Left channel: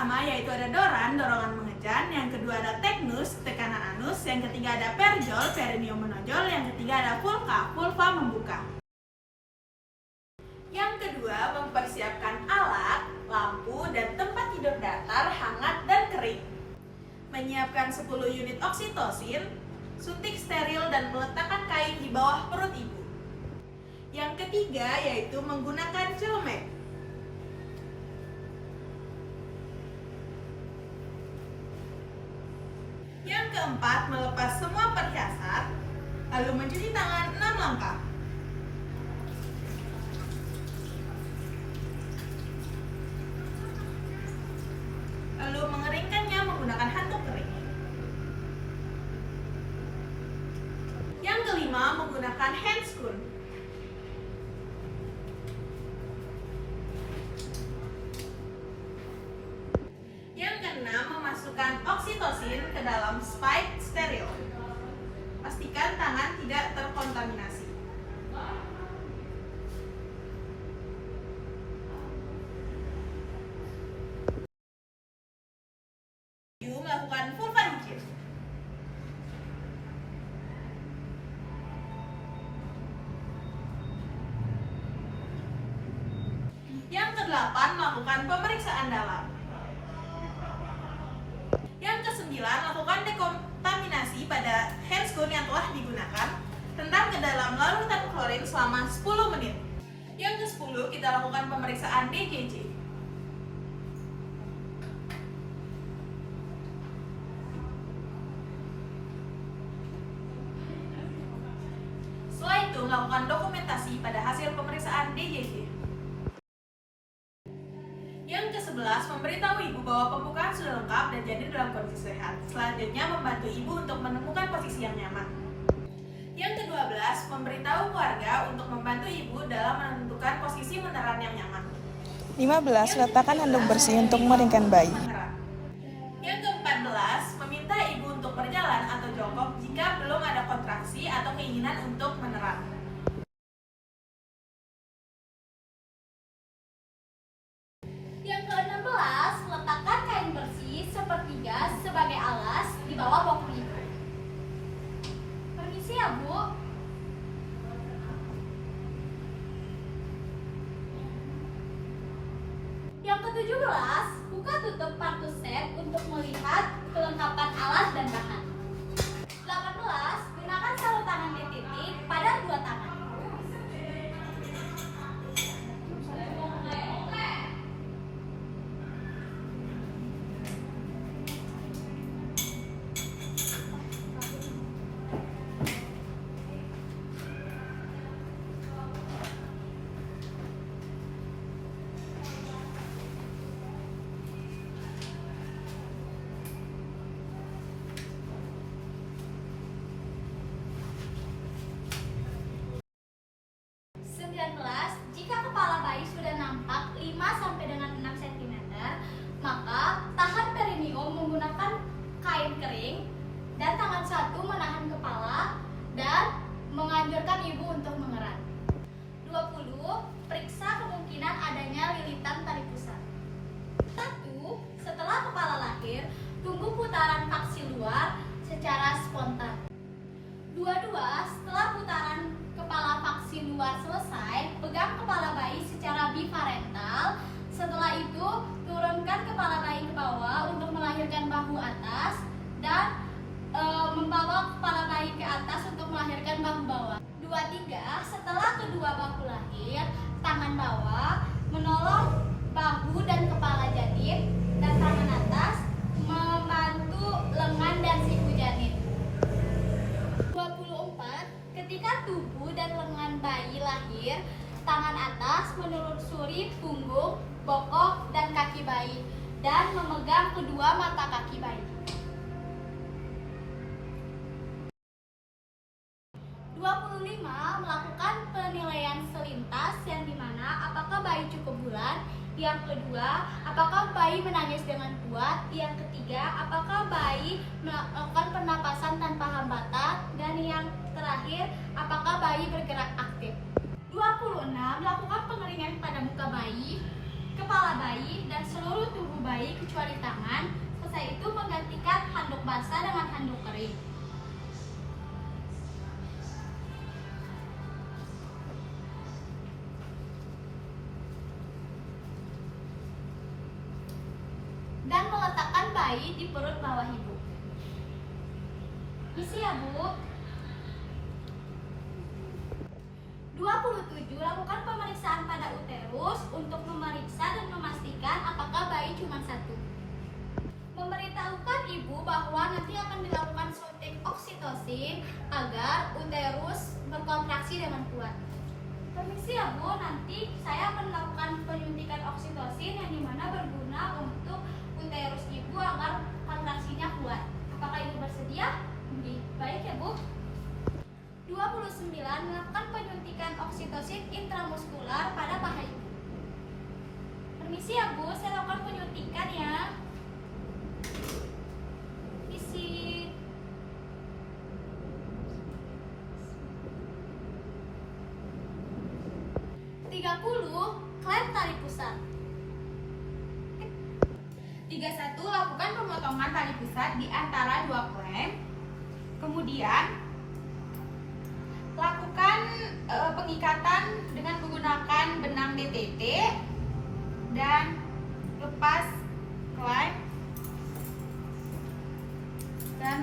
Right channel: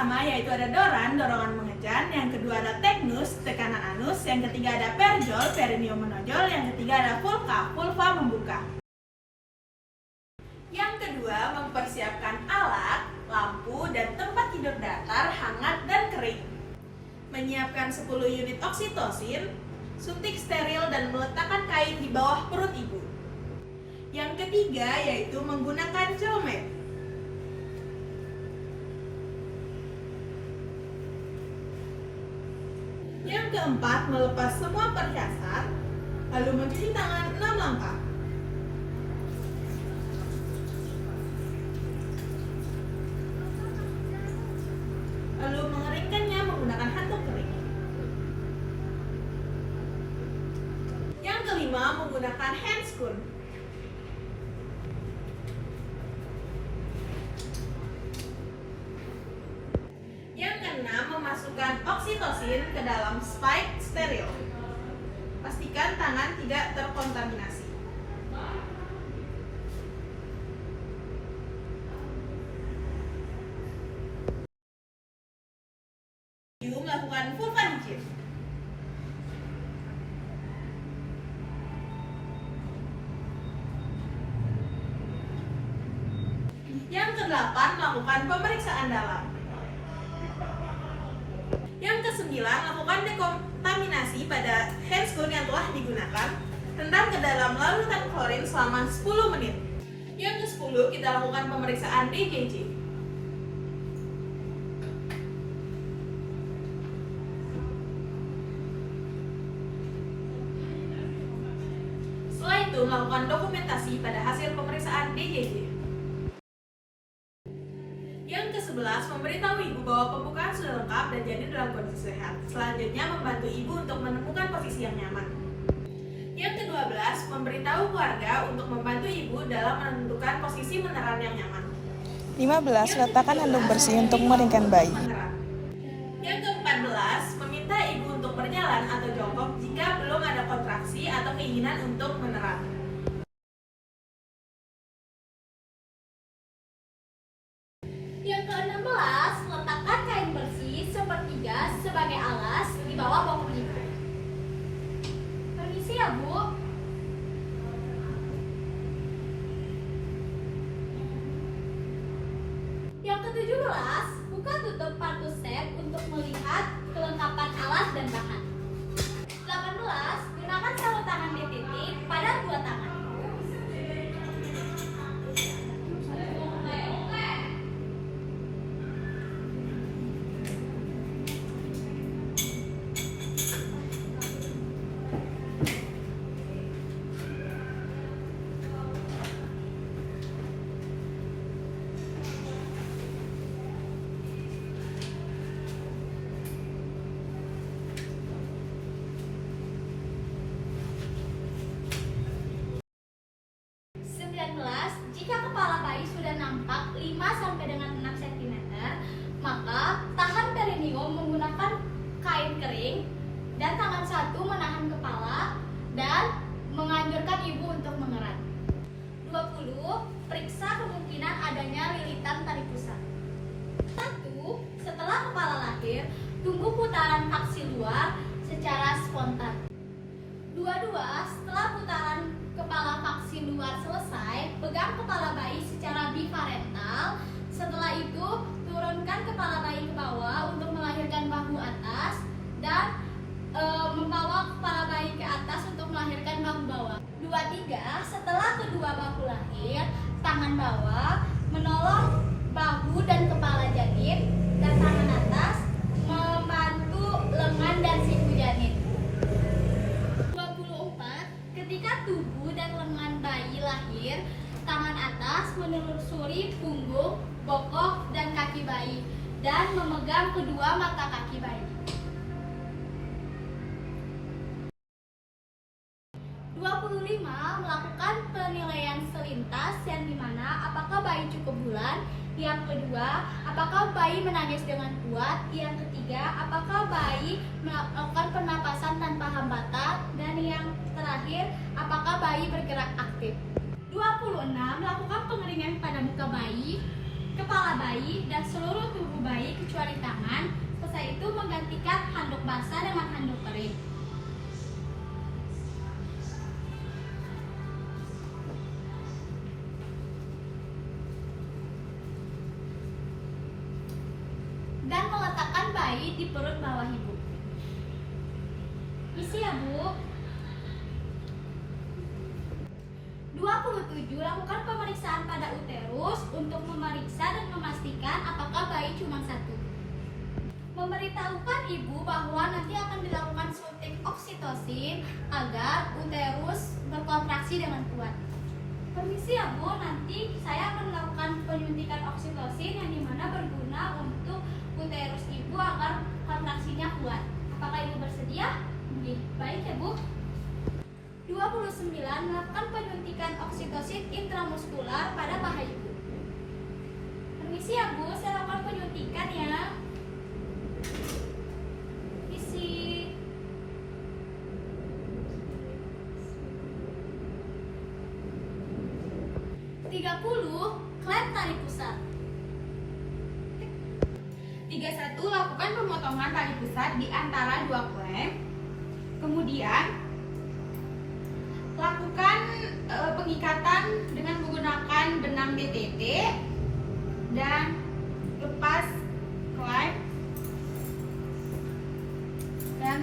pertama yaitu ada doran, dorongan mengejan. Yang kedua ada teknus, tekanan anus. Yang ketiga ada perjol, perineum menonjol. Yang ketiga ada vulva, vulva membuka. Yang kedua, mempersiapkan alat, lampu, dan tempat tidur datar, hangat, dan kering. Menyiapkan 10 unit oksitosin, suntik steril, dan meletakkan kain di bawah perut ibu. Yang ketiga yaitu menggunakan Filmek. Yang keempat, melepas semua perhiasan, lalu mencuci tangan 6 langkah. Lalu mengeringkannya menggunakan handuk kering. Yang kelima, menggunakan handscoon. Yang keenam, memasukkan oksitosin ke dalam spike steril. Pastikan tangan tidak terkontaminasi. Melakukan vulvanicid. Yang kedelapan, melakukan pemeriksaan dalam. Yang kesembilan, lakukan dekontaminasi pada handscoon yang telah digunakan. Rendam ke dalam larutan klorin selama 10 menit. Yang ke-10, kita lakukan pemeriksaan DJJ. Setelah itu, melakukan dokumentasi pada hasil pemeriksaan DJJ. Yang ke-11, memberitahu ibu bahwa pembukaan sudah lengkap dan janin dalam kondisi sehat. Selanjutnya, membantu ibu untuk menemukan posisi yang nyaman. Yang ke-12, memberitahu keluarga untuk membantu ibu dalam menentukan posisi meneran yang nyaman. 15. Letakkan handuk bersih untuk mengeringkan bayi. Yang ke-14, meminta ibu untuk berjalan atau jongkok jika belum ada kontraksi atau keinginan untuk meneran. Yang ke-16, letakkan kain bersih sepertiga sebagai alas di bawah bokong ibu. Permisi ya, Bu. Yang ke-17, buka tutup partus set untuk melihat kelengkapan alat dan bahan. 18, gunakan sarung tangan di titik pada 2 tangan. Jika kepala bayi sudah nampak 5 dengan 6 cm, maka tahan perineum menggunakan kain kering dan tangan satu menahan kepala dan menganjurkan ibu untuk mengerat. 20. Periksa kemungkinan adanya lilitan tali pusat. 1. Setelah kepala lahir, tunggu putaran faksi luar secara spontan. 22. Setelah putaran kepala faksi luar selesai, pegang kepala bayi secara biparental. Setelah itu, turunkan kepala bayi ke bawah untuk melahirkan bahu atas dan membawa kepala bayi ke atas untuk melahirkan bahu bawah. 23. Setelah kedua bahu lahir, tangan bawah menolong bahu dan kepala janin dan tangan atas membantu lengan dan siku janin. 24. Ketika tubuh dan lengan bayi lahir, tangan atas menelusuri punggung, bokong, dan kaki bayi dan memegang kedua mata kaki bayi. 25. Melakukan penilaian selintas yang dimana apakah bayi cukup bulan. Yang kedua, apakah bayi menangis dengan kuat. Yang ketiga, apakah bayi melakukan pernapasan tanpa hambatan. Dan yang terakhir, apakah bayi bergerak aktif. 26. Melakukan pengeringan pada muka bayi, kepala bayi, dan seluruh tubuh bayi kecuali tangan. Setelah itu menggantikan handuk basah dengan handuk kering. Dan meletakkan bayi di perut bawah ibu. Isi ya Bu. 27. Lakukan pemeriksaan pada uterus untuk memeriksa dan memastikan apakah bayi cuma satu. Memberitahukan ibu bahwa nanti akan dilakukan suntik oksitosin agar uterus berkontraksi dengan kuat. Permisi ya Bu, nanti saya akan melakukan penyuntikan oksitosin yang dimana berguna untuk uterus ibu agar kontraksinya kuat. Apakah ibu bersedia? Baik ya Bu. 29. Melakukan penyuntikan oksitosin intramuskular pada paha ibu. Permisi ya Bu, saya lakukan penyuntikan ya. Isi. 30. Klem tali pusat. 31. Lakukan pemotongan tali pusat di antara dua klem. Kemudian lakukan pengikatan dengan menggunakan benang DTT dan lepas klem dan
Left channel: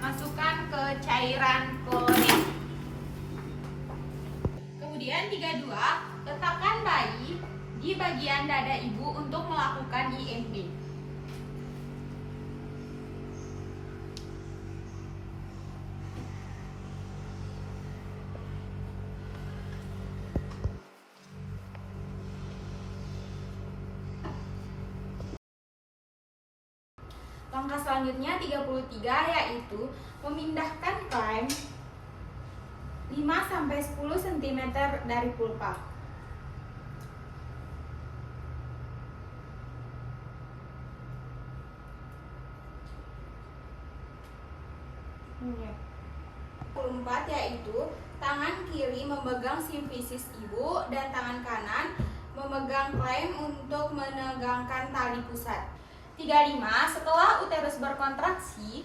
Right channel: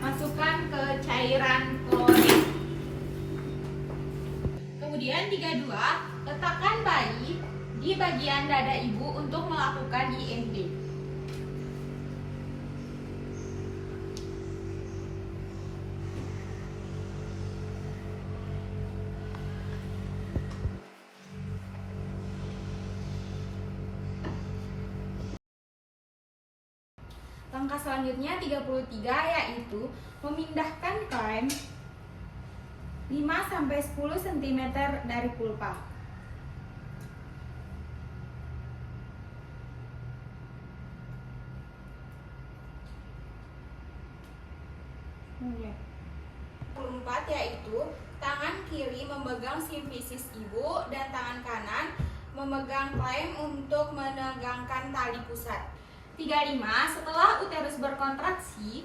masukkan ke cairan klorin. Kemudian 32. Letakkan bayi di bagian dada ibu untuk melakukan IMD. Langkah selanjutnya 33 yaitu memindahkan klem 5-10 cm dari pulpa. Yang 24 yaitu tangan kiri memegang simfisis ibu dan tangan kanan memegang klem untuk menegangkan tali pusat. 35. Setelah uterus berkontraksi,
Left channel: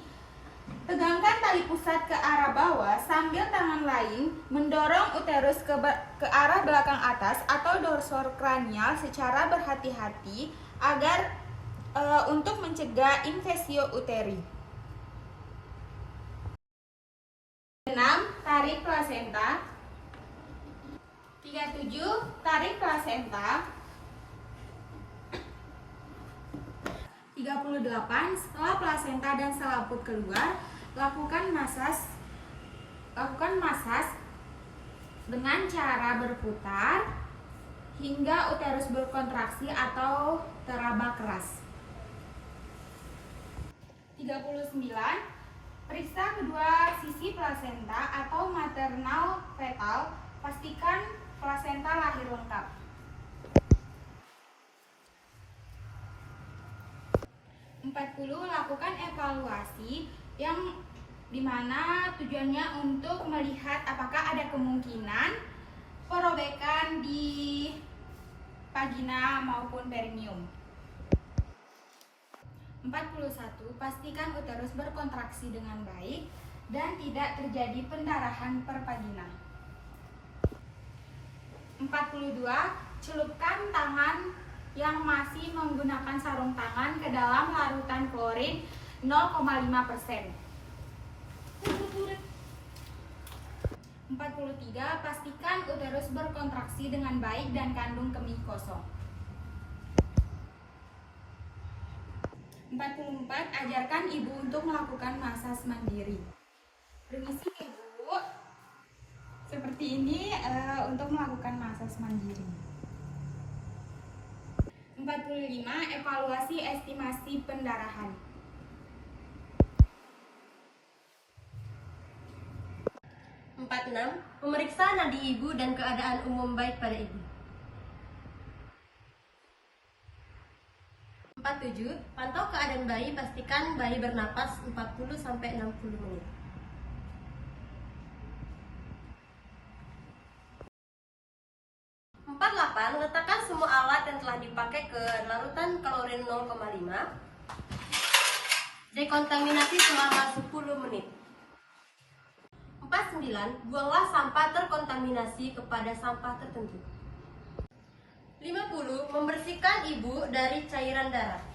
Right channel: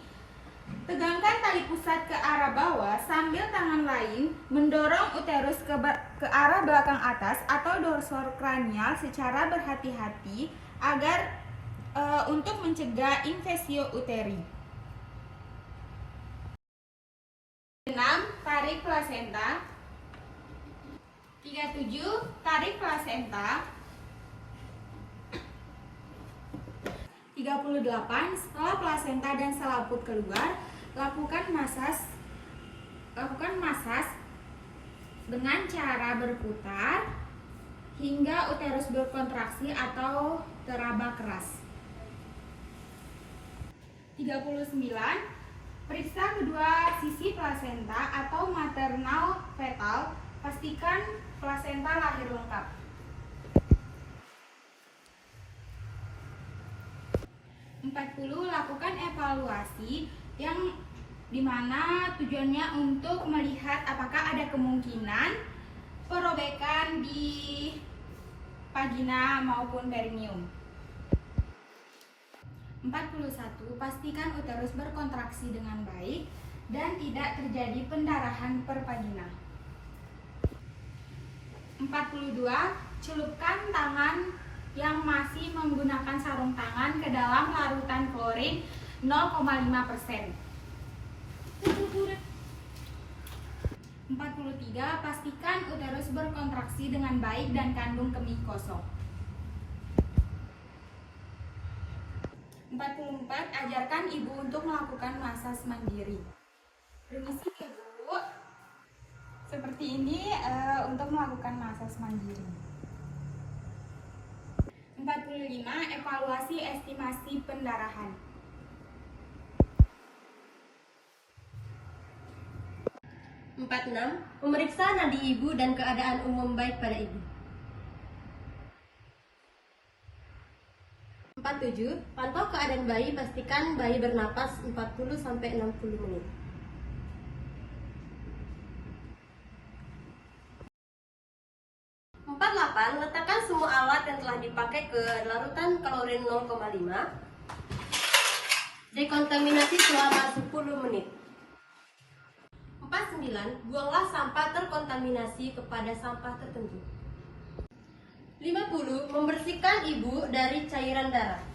tegangkan tali pusat ke arah bawah sambil tangan lain mendorong uterus ke arah belakang atas atau dorsokranial secara berhati-hati agar untuk mencegah infeksio uteri. 6. Tarik plasenta. 37. Tarik plasenta. 38. Setelah plasenta dan selaput keluar, lakukan masas dengan cara berputar hingga uterus berkontraksi atau teraba keras. 39. Periksa kedua sisi plasenta atau maternal fetal, pastikan plasenta lahir lengkap. 40. Lakukan evaluasi yang dimana tujuannya untuk melihat apakah ada kemungkinan perobekan di vagina maupun perineum. 41. Pastikan uterus berkontraksi dengan baik dan tidak terjadi pendarahan per vagina. 42. Celupkan tangan yang masih menggunakan sarung tangan ke dalam larutan klorin 0,5%. 43. Pastikan uterus berkontraksi dengan baik dan kandung kemih kosong. 44. Ajarkan ibu untuk melakukan masas mandiri. Permisi ibu, seperti ini untuk melakukan masas mandiri. 45. Evaluasi estimasi pendarahan. 46. Memeriksa nadi ibu dan keadaan umum baik pada ibu. 47. Pantau keadaan bayi, pastikan bayi bernapas 40-60 menit. 48. Letakkan semua alat yang telah dipakai ke larutan klorin 0,5. Dekontaminasi selama 10 menit. 49. Buanglah sampah terkontaminasi kepada sampah tertentu. 50. Membersihkan ibu dari cairan darah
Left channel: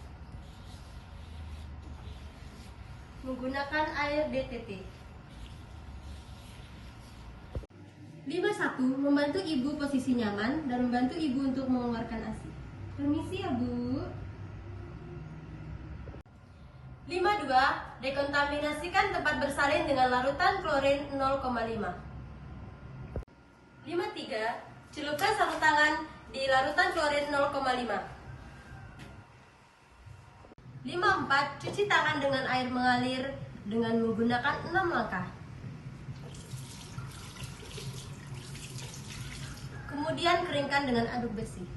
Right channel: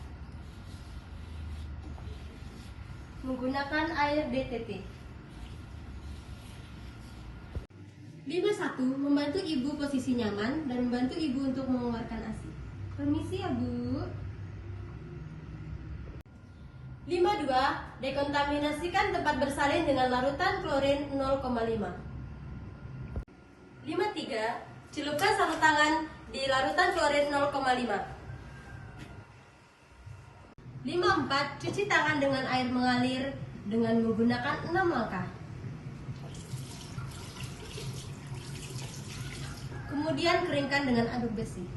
menggunakan air DTT. 51. Membantu ibu posisi nyaman dan membantu ibu untuk mengeluarkan ASI. Permisi ya Bu. 52. Dekontaminasikan tempat bersalin dengan larutan klorin 0,5. 53. Celupkan sarung tangan di larutan klorin 0,5. 54. Cuci tangan dengan air mengalir dengan menggunakan 6 langkah. Kemudian keringkan dengan aduk bersih.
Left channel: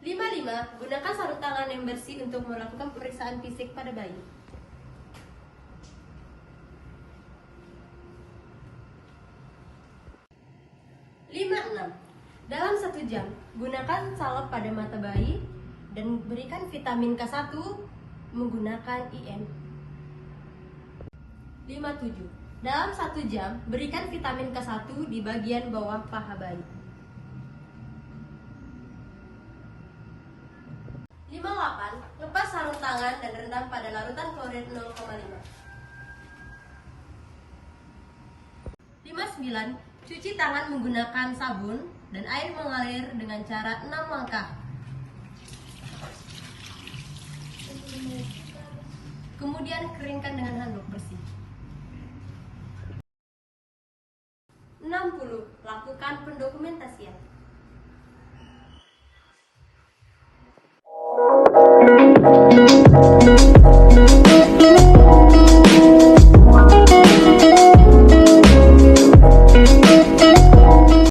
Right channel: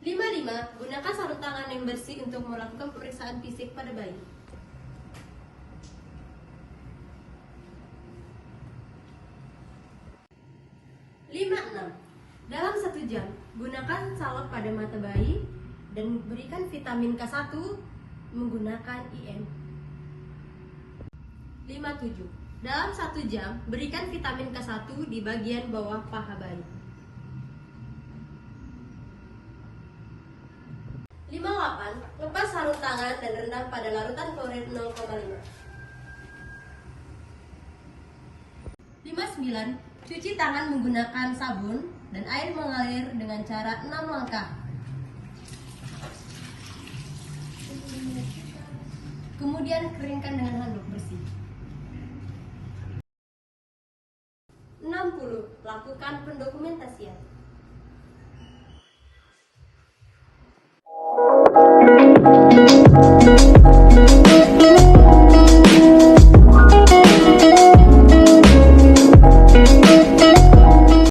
55. Gunakan sarung tangan yang bersih untuk melakukan pemeriksaan fisik pada bayi. 56. Dalam 1 jam, gunakan salep pada mata bayi dan berikan vitamin K1 menggunakan IM. 57. Dalam 1 jam, berikan vitamin K1 di bagian bawah paha bayi. 58. Lepas sarung tangan dan rendam pada larutan klorin 0,5. 59. Cuci tangan menggunakan sabun dan air mengalir dengan cara 6 langkah. Kemudian keringkan dengan handuk bersih. 60. Lakukan pendokumentasian.